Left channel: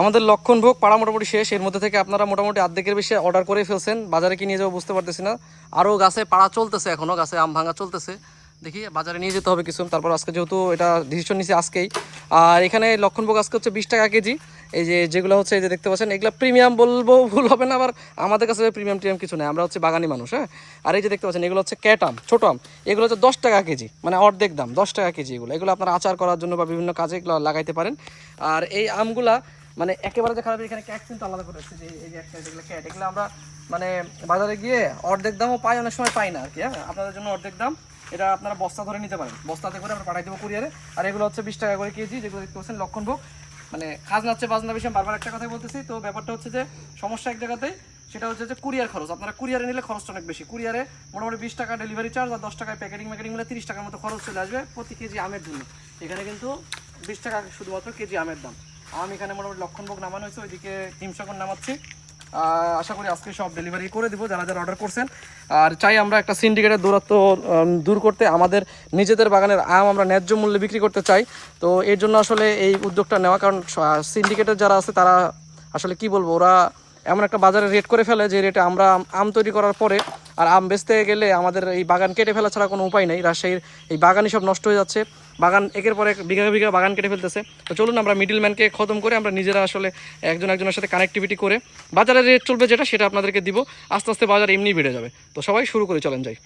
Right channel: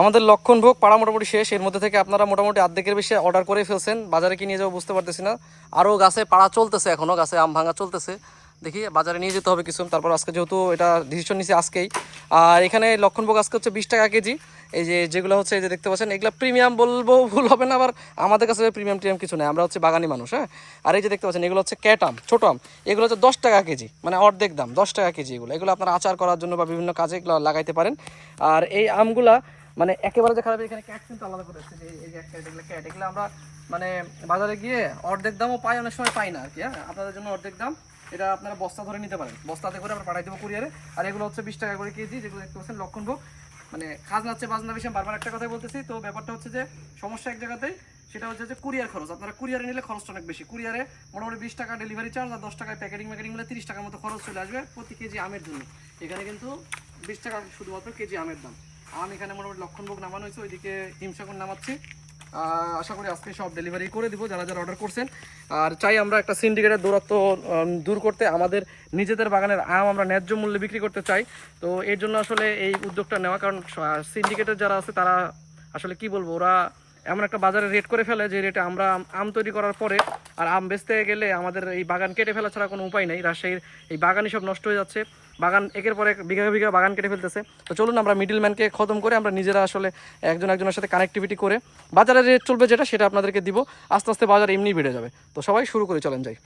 আমাদের লক্ষণভোগ পাড়া মোটামুটি শেষ। এর মধ্যে থেকে আপনারা মোটামুটি অর্ধেকের বেশি অর্ডার করে ফেলছেন। বাজারে কি নিয়ে যাব বুঝতে পারতেছি না। আরও গাছে পাড়া চলতেছে এখনও গাছে আম ভাঙা চলতেছে। দেখি, বাজারে নিয়ে যেতে হবে কিছু। তারপর আজকে যেহেতু এটা ডিসিশন নিছি আজকেই। আর এখানে লক্ষণভোগ আজকে হচ্ছে বিশ টাকা কেজি। এই যে, যেগুলো হচ্ছে এই যে দেখতে পাচ্ছেন, এগুলো প্রিমিয়াম বলব, ভুল হবে না। আবার আমাদের কাছে প্রিমিয়াম টিমিয়াম কিছু নেই। আমরা হচ্ছে বাগানি মানুষ হ্যাঁ? আর এই যে দেখতে পাচ্ছেন, এগুলো হচ্ছে ক্যাট আম, ছোট আম। এগুলো হচ্ছে দশ টাকা কেজি মানে অর্ধেক দাম, দশ টাকা কেজি এগুলো। এগুলো আপনারা আচার করার জন্য বা বিভিন্ন কাজে এগুলো লাগাইতে পারেন। আর এই আমগুলা মানে একেবারে যে খারাপ এখানে ক্যাট কিন্তু আলাদা করে যে এই যে একটা এগুলো ক্যাট এগুলো আমরা মানে বাজারে গিয়ে অর্ধেক দামও পাই, অনেক সময় পাই না আর কি হ্যাঁ? আপনাদের জন্য অর্ধেক দাম, এটা আপনারা বস্তা ধরে নিতে পারেন। বস্তাতে করে আমরা পাঠাই দেবো কুরিয়ারে। আর এগুলো হচ্ছে বিশ টাকা করে কেজি, যেগুলো দেখতে পাচ্ছেন লক্ষণভোগ মানে খাজনা হচ্ছে, বাজনা বিষয় বারবার একটা কথাই বলতেছি। তো ব্যাপারটা হচ্ছে যে সমস্যা এক জায়গাতেই, সেটা হচ্ছে যে কুরিয়ার খরচ। আপনারা কুরিয়ারে নিলে খরচটা অনেক বেশি। কুরিয়ারে মোটামুটি বিশ টাকা ডেলিভারি চার্জ আর দশ টাকায় প্যাকেটিং ম্যাকেটিং মিলে তিরিশ টাকার মতো খরচ চলে আসবে প্রতি কেজি আমের জন্য। এখানে কিন্তু বিশ টাকা শুধুমাত্র কেজি আমের দাম। আম এখানে মোটামুটি লক্ষণভোগ নামানো হয়েছে, ওইদিকে হিমসাগর নামাচ্ছি। আশা করি আজকে সব ডেলিভারি করে দিব, যারা যারা অর্ডার করছেন। আর চাই আমরা একটা সিন্ডিকেটের দূরত্ব দূর করতে আমাদের নিজেদের বাগানের আম আমরা ন্যায্য মূল্যে বিক্রি করতে চাই। তো এর জন্য আসলে এই উদ্যোগটা নেওয়া, কারণ সিন্ডিকেটের যারা আছে তারা আসলে কি বলব, ওরা এমন একটা বাজারে রেট করে ফেলে যে রেটে আমরা আম- তৈরি করার পরে আর আম বেচতে গেলে আমাদের এই বাগান কেটে ফেলা ছাড়া কোনো উপায় নেই। রাজশাহীর এই বাগানই সব নষ্ট হয়ে যাচ্ছে। বাগান একের পর এক বিঘা বিঘা বাগান কেটে ফেলতেছে। তো চলুন আমরা মিডিল ম্যানকে খতম করে আমরা নিজেরা আসলে একজন একজনের সাথে কানেক্টিভিটি করে বাজারের রেট চলবে যেটা, সেটা আপনাদেরকে দিব। আস্তে আস্তে বাজার এমনি বেড়ে যাবে। তো সবাই শুরু করে, চলেন যাই।